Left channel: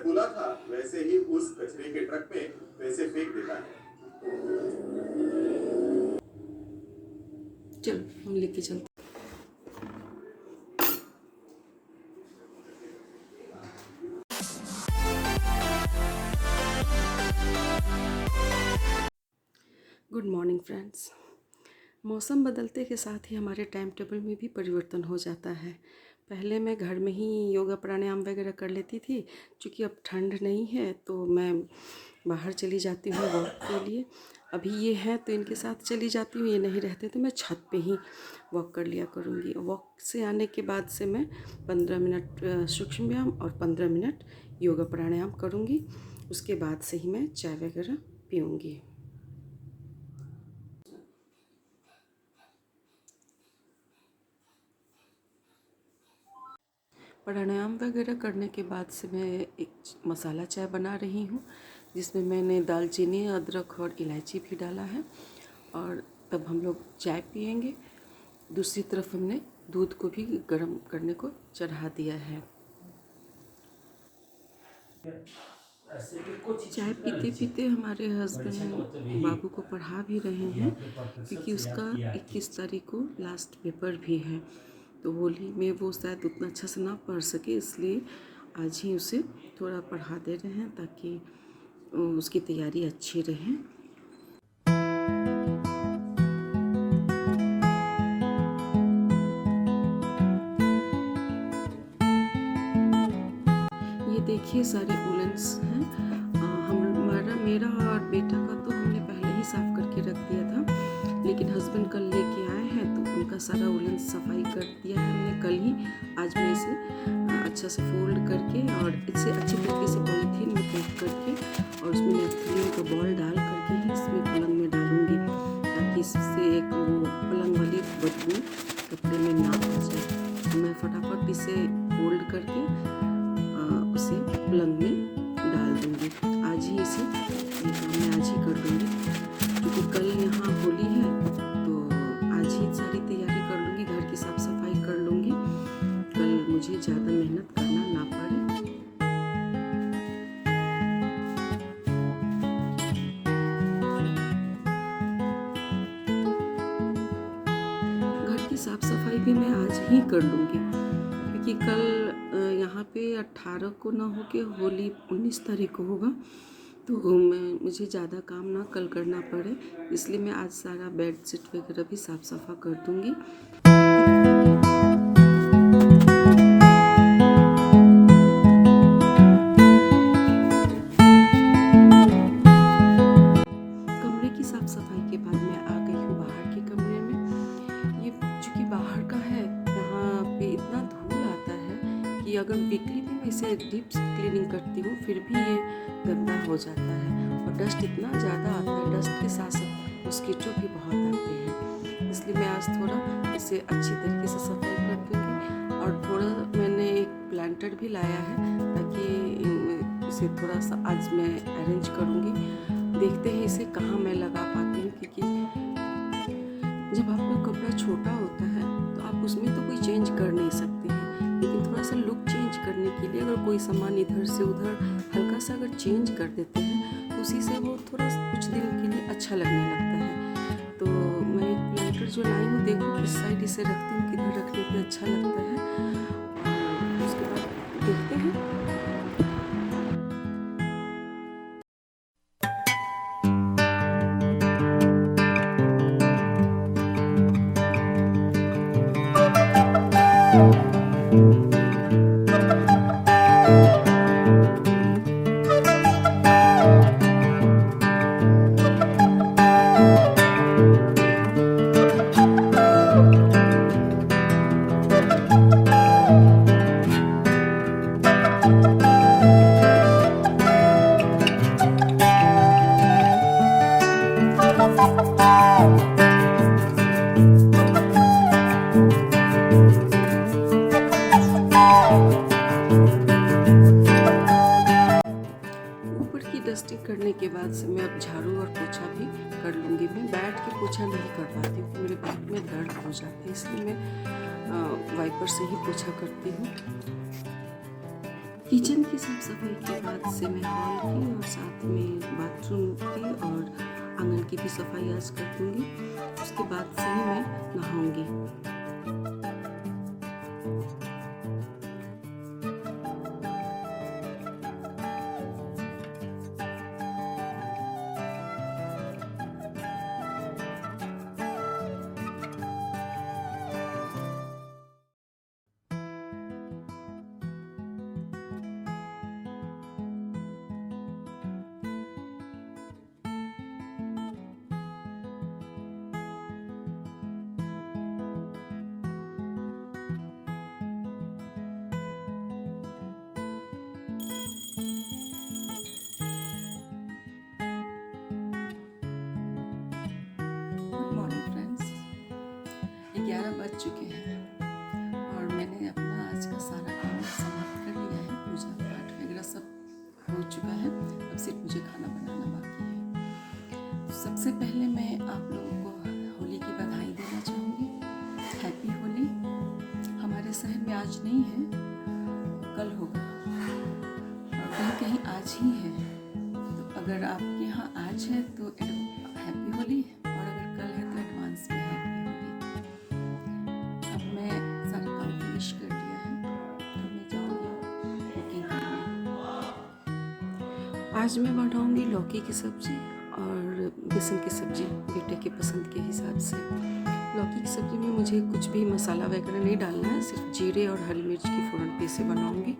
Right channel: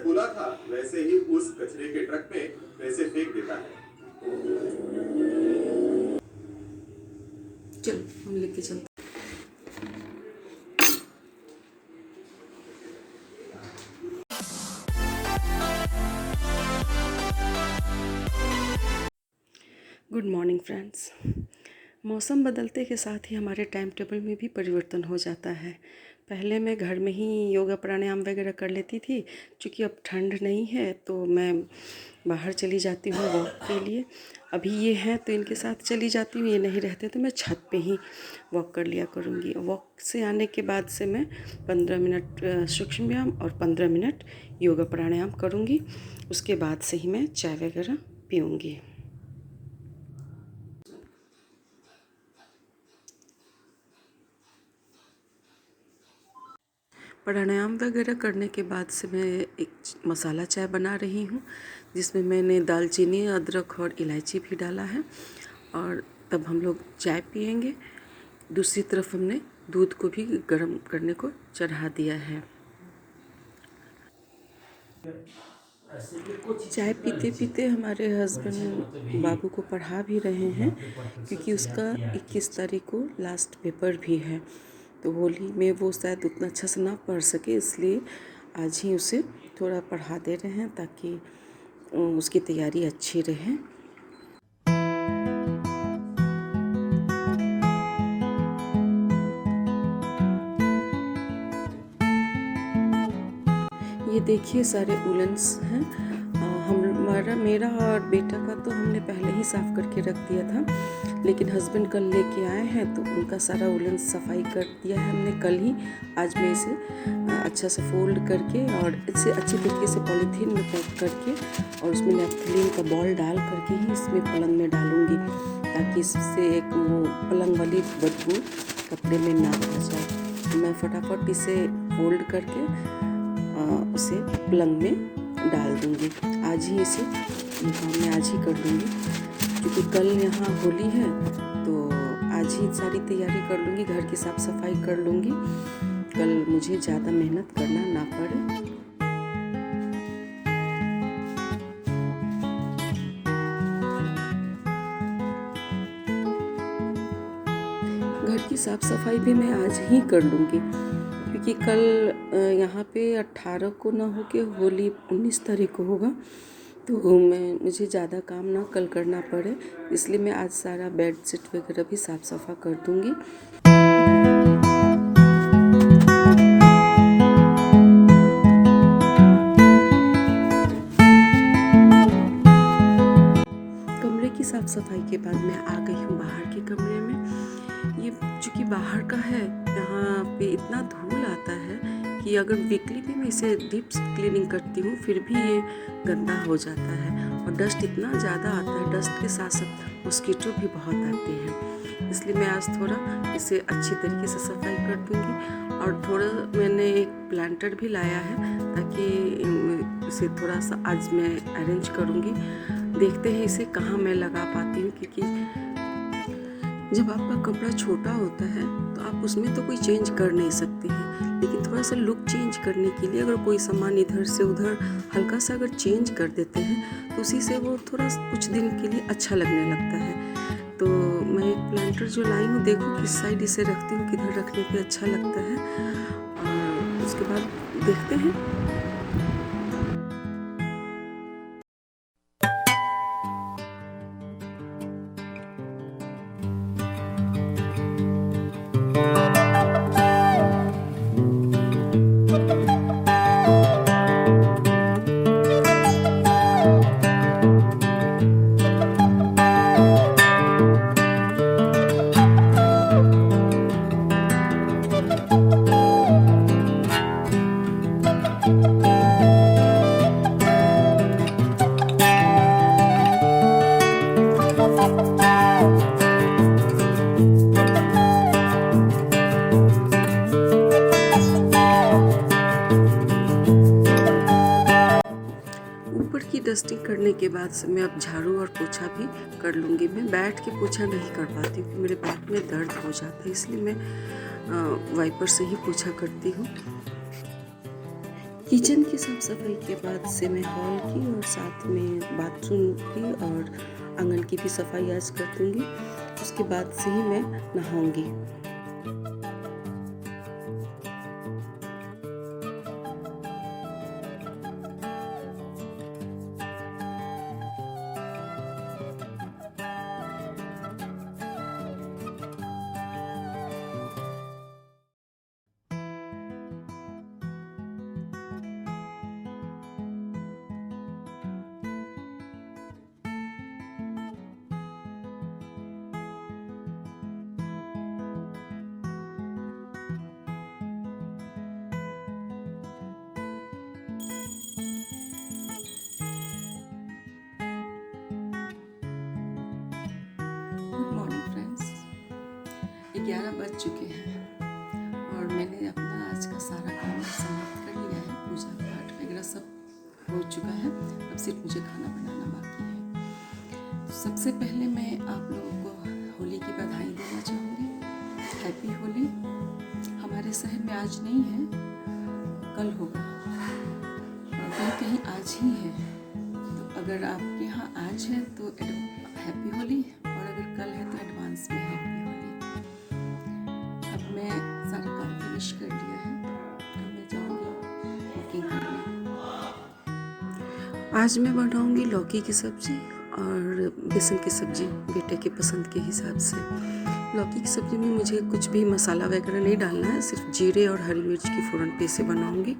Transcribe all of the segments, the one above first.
बोला था वैसे ही उस कचरे के ट्रक में पैसे फेंक देता है। चल हम लेके चलते। Good morning friends. मौसम बदलते के साथ ही हमारे टाइम टेबल में भी परिवर्तन हो जाता है। पहले मैं घर में ही योगा प्राणायाम वगैरह कर लेती थी, क्योंकि अब ठंड नहीं है तो मैं बाहर चली जाती हूँ वॉक के लिए। अभी ये हैं तो इनके साथ चली जाती हूँ, ये नहीं रहते तो मैं छत पे ही वॉक कर लिया करूँगी। वॉक से आने के बाद से मैं 15 मिनट सूक्ष्म व्यायाम और 15 मिनट योगा प्राणायाम करूँगी। उसके बाद से ही मैं चाय वगैरह पीऊँगी। प्राणायाम वगैरह करने के बाद से मैं एक मसाला चाय बना रही हूँ, जिसमें मैंने दालचीनी, अदरक और इलायची भी डाला है। और तब हम लोग चाय पियेंगे। दूसरी तरफ हमने दूध को भी गर्म करने को चढ़ा दिया है। चाय पीते पीते हमारे हस्बैंड बाबू को पढ़ा भी रहे हैं, क्योंकि उसका 21 तारीख को लास्ट पेपर भी है। तो होली में वो शायद उतना अच्छा से ना पढ़ सके, इसलिए आज ही उसे थोड़ा पढ़ा दे रहे हैं ताकि उसकी तैयारी अच्छी रहे। ये देखिए सारे उलेंस हैं। मेरा और बेटा का तो हमने पहले ही साफ़ करके रख दिया था, लेकिन हस्बैंड कल लेके आए हैं तो उनका सारा उलन सफाई कर दिया है हमने कल ही। आज मैं इसे अच्छा से फोल्ड करके और इसे अच्छी तरीके से पॉलीथीन में पैक करके और उसमें नैपथलीन का बॉल डाल करके ही इसमें पलंग में डालूँगी, ताकि इससे एक वो पलंग वाली बदबू कपड़े में ना आ जाए। मैं फटाफट इसे फोल्ड करके उसे पलंग में डाल दूँगी। आज ही इसे ये काम मैं आज ही कर लूँगी, क्योंकि कल यहाँ होली है तो आज ही सारी तैयारी कर लूँगी, घर की साफ़ सफाई कर लूँगी, कल मुझे ज़्यादा मेहनत करना ना पड़े। घर की साफ़ सफाई भी मैं आज ही कर लूँगी, क्योंकि कल यहाँ पे 18 को ना हो के होली 19 तारीख को होगा, तो मुझे ज़्यादा काम ना कल करना पड़े, इसलिए मैं आज सारा बेड शीट वगैरह भी साफ़ सफा कर दूँगी। कमरे की साफ़ सफाई के बाद मैं आ गई हूँ बाहर के कमरे में। ये चूँकि बाहर का है, यहाँ पे इतना धूल आता है कि अगर वीकली भी मैं इसे डीप क्लीनिंग करती हूँ फिर भी ये गंदा हो जाता है, और डस्ट इतना ज़्यादा आता है, डस्ट के साथ साथ मॉस्किटो भी बहुत आते हैं। इसलिए मैं आज थोड़ा इसे अच्छी तरीके से सफाई कर दूँगी। और थोड़ा मैंने एक प्लांटर भी लाया है, ताकि इसे थोड़ा सा आज मैं अरेंज करूँगी। देखते हैं इसे कहाँ मैं लगा पाती हूँ, क्योंकि जब आपका कपड़ा छोटा होता है तो आप उसमें तो कोई चेंज कर नहीं सकते हैं, लेकिन थोड़ा सा लुक चेंज करने के लिए अगर कोई सामान इधर से उधर हल्का सा अगर चेंज कर देते हैं तो उसी से वो थोड़ा कुछ दिन के लिए अच्छा लगने लगता है। तो मैं एक प्लांटर जो लाई हूँ, देखो किस साइड इसे रखती हूँ, किधर रखने पे अच्छा लगता है, और उसके बाद देखते हैं। ऊपर की डस्टिंग करने के बाद से मैं अब झाड़ू और पोछा भी कर लूँगी। मैं बैठ के पोछा नहीं कर पाती, क्योंकि मेरे बैक में दर्द हो जाता है, इसलिए मैं वाइपर से ही पोछा करती हूँ। किचन की साफ सफाई के बाद से मैं हॉल की और साथ में बाथरूम की और आंगन की भी सफाई आज कर दूंगी। उसके बाद से ही मैं नहाऊंगी। Good morning friends. 11 बज चुके हैं और मैंने अपना आज का सारा काम समाप्त कर लिया है। पूजा पाठ वगैरह सब हो चुका है। अब सिर्फ मुझे खाना बनाना बाकी है। तो सबसे पहले मैं आप लोगों को होली की बधाई देना चाहूँगी। हैप्पी होली। हमारे शहर में आज नहीं है, कल होगा और कहीं कहीं आज ही है। तो अगर आपके यहाँ आज है तो हैप्पी होली, और अगर कल है तो एडवांस में हैप्पी होली। अब मैं सारा काम फिनिश कर लिया है। अब मैं जाऊंगी कुकिंग करने। आज मैं बनाऊंगी लौकी की सब्ज़ी और बेसन की सब्ज़ी बेटे के पसंद के हिसाब से। लौकी की सब्ज़ी में मुझे कुछ भी मसाला वगैरह नहीं डालना है, सिर्फ जीरे और हरी मिर्च की फ़ौरन पे से बनाऊंगी।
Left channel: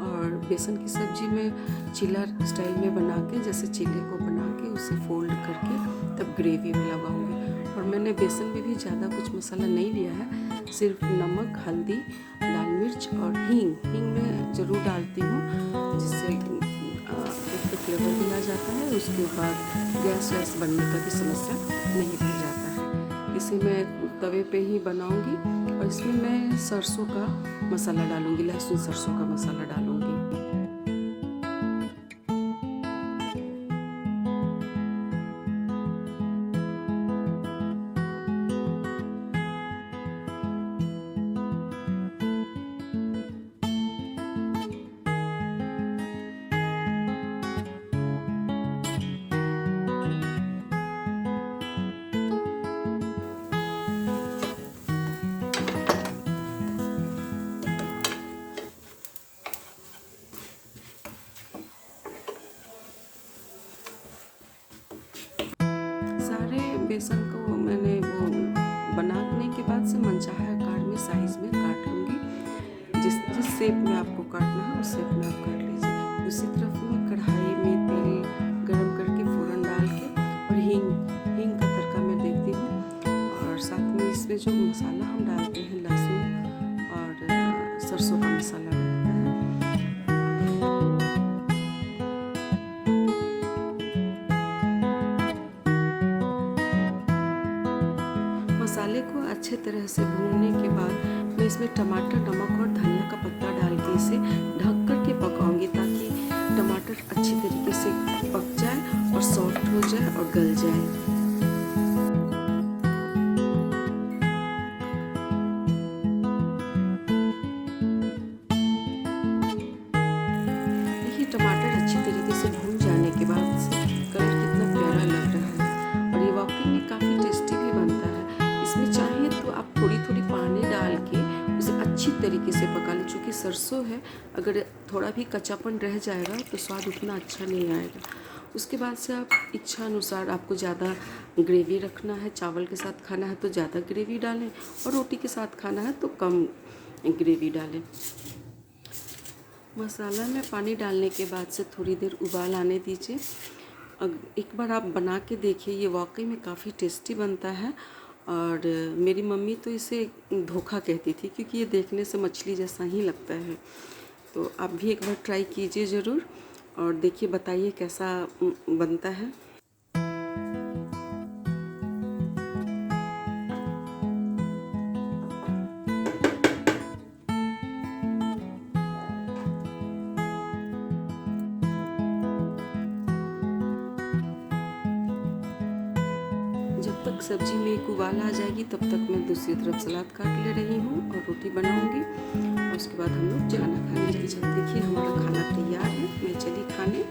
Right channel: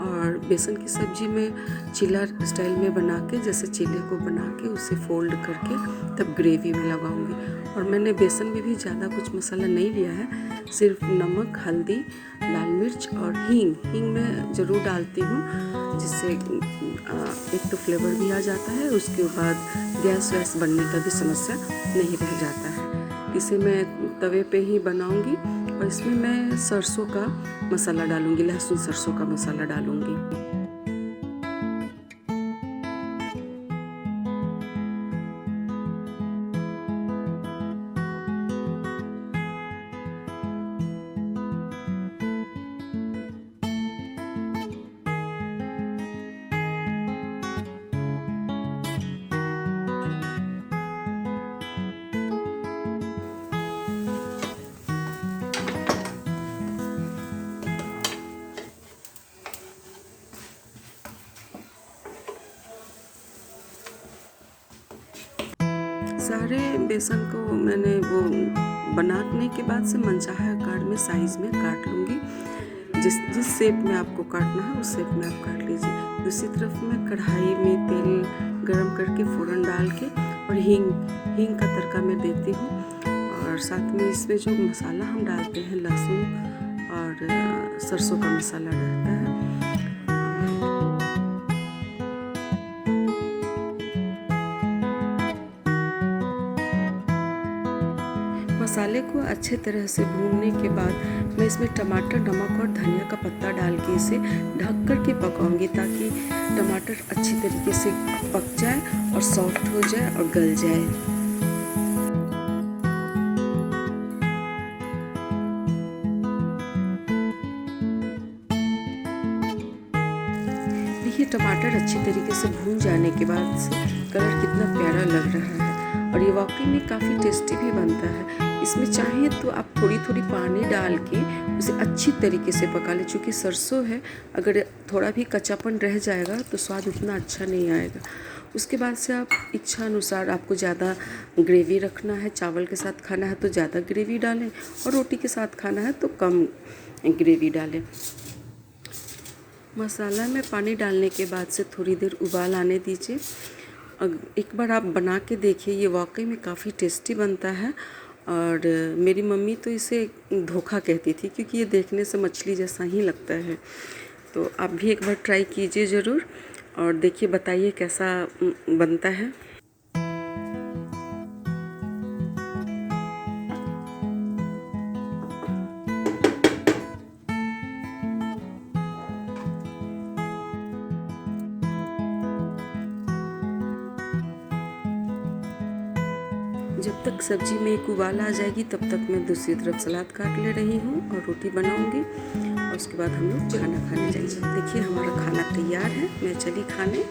और बेसन की सब्ज़ी में चीला स्टाइल में बना के, जैसे चीले को बना के उसे फोल्ड करके तब ग्रेवी में लगाऊंगी। और मैंने बेसन में भी ज़्यादा कुछ मसाला नहीं लिया है, सिर्फ नमक, हल्दी, लाल मिर्च और हींग मैं ज़रूर डालती हूँ, जिससे एक तो फ्लेवर भी आ जाता है, उसके बाद गैस वैस बनने का भी समस्या नहीं रह जाता है। इसे मैं तवे पे ही बनाऊंगी और इसमें मैं सरसों का मसाला डालूंगी, लहसुन सरसों का मसाला डालूंगी। सारे बेसन को मैंने वो बनाने के बाद से मनचाहा आकार में साइज़ में काट लूँगी। जिस शेप में आपको काटना है उस शेप में आप काट लीजिए। दूसरी तरफ मैं कढ़ाई में तेल गरम करके फ़ौरन डाल के और हींग का तड़का मैं देती हूँ। और साथ में इसमें जो मसाला हम डालते हैं, लहसुन और सरसों का मसाला रहता है। मसाले को अच्छे तरह से भूनने के बाद मैं इसमें टमाटर, नमक और धनिया का पत्ता डाल के इसे ढक कर के पकाऊंगी, ताकि टमाटर अच्छी तरीके से पक जाए और सॉफ्ट हो जाए और गल जाए। देखिए टमाटर अच्छी तरीके से भून जाने के बाद से कलर कितना प्यारा लग रहा है और ये वाकई में काफ़ी टेस्टी भी बनता है। इसमें चाहें तो आप थोड़ी थोड़ी पानी डाल के उसे अच्छी तरीके से पका लें, क्योंकि सरसों है, अगर थोड़ा भी कच्चापन रह जाएगा तो स्वाद उतना अच्छा नहीं आएगा। उसके बाद से आप इच्छा अनुसार, आपको ज़्यादा ग्रेवी रखना है, चावल के साथ खाना है तो ज़्यादा ग्रेवी डालें और रोटी के साथ खाना है तो कम ग्रेवी डालें। मसाला में पानी डालने के बाद से थोड़ी देर उबाल आने दीजिए। एक बार आप बना के देखिए, ये वाकई में काफ़ी टेस्टी बनता है। और मेरी मम्मी तो इसे धोखा कहती थी, क्योंकि ये देखने से मछली जैसा ही लगता है। तो आप भी एक बार ट्राई कीजिए ज़रूर और देखिए, बताइए कैसा बनता है। जब तक सब्ज़ी में एक उबाल आ जाएगी तब तक मैं दूसरी तरफ सलाद काट ले रही हूँ और रोटी बनाऊँगी। और उसके बाद हम लोग खाना खाने जाएंगे। देखिए हमारा खाना तैयार है, मैं चली खाने।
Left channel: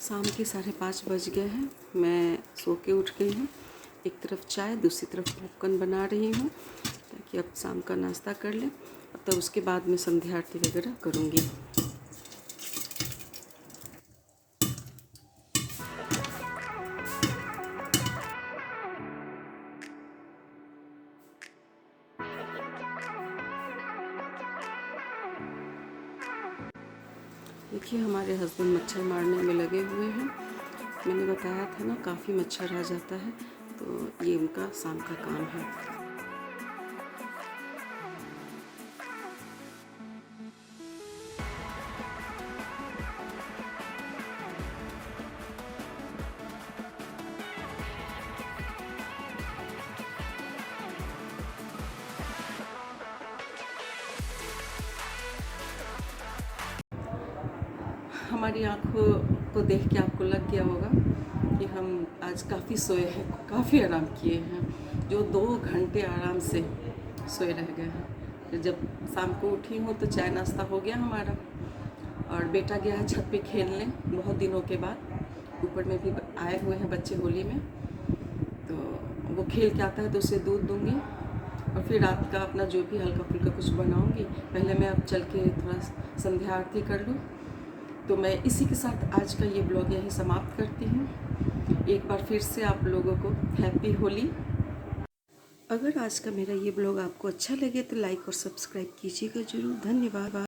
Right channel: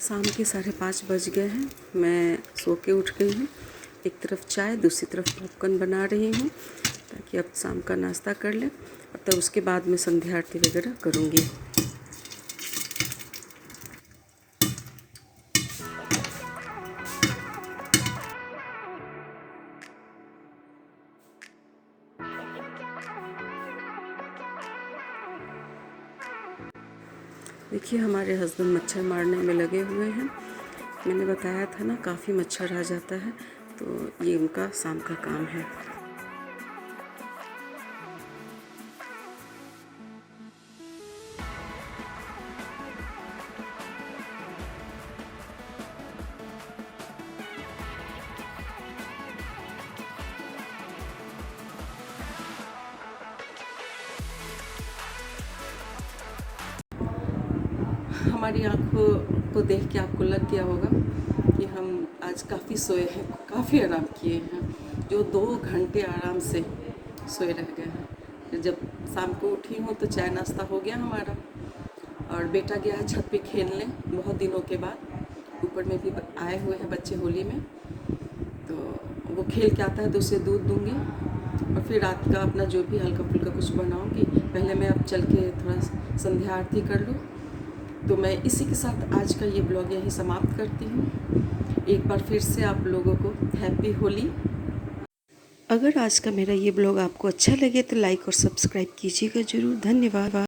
शाम के 5:30 बज गए हैं, मैं सो के उठ गई हूँ। एक तरफ चाय, दूसरी तरफ पॉपकॉर्न बना रही हूँ ताकि अब शाम का नाश्ता कर लें, और तब उसके बाद मैं संध्या आरती वगैरह करूँगी। देखिए हमारे हस्बैंड मच्छर मारने में लगे हुए हैं। मैंने बताया था ना, काफ़ी मच्छर आ जाता है, तो ये उनका शाम का काम है। हमारी आँखों को देख के आपको लग गया होगा कि हम आज काफ़ी सोए हैं, काफ़ी आराम किए हैं। जो 2 घंटे आराम से सोए रह गए हैं। फिर जब शाम को उठी हूँ तो चाय नाश्ता हो गया हमारा, और बेटा गया है छत पे खेलने बहुत दिनों के बाद। ऊपर में भी आए हुए हैं बच्चे होली में, तो वो खेल के आता है तो उसे दूध दूँगी, और फिर रात का अपना जो भी हल्का फुल्का कुछ बनाऊँगी। पहले मैं अब चल के थोड़ा संध्या आरती कर लूँ। तो मैं इसी के साथ आज का ये ब्लॉग यहीं समाप्त करती हूँ। एक बार फिर से आप लोगों को हैप्पी होली। अगर आज का मेरा ये ब्लॉग आपको अच्छा लगे तो लाइक और सब्सक्राइब कीजिएगा ज़रूर। धन्यवाद।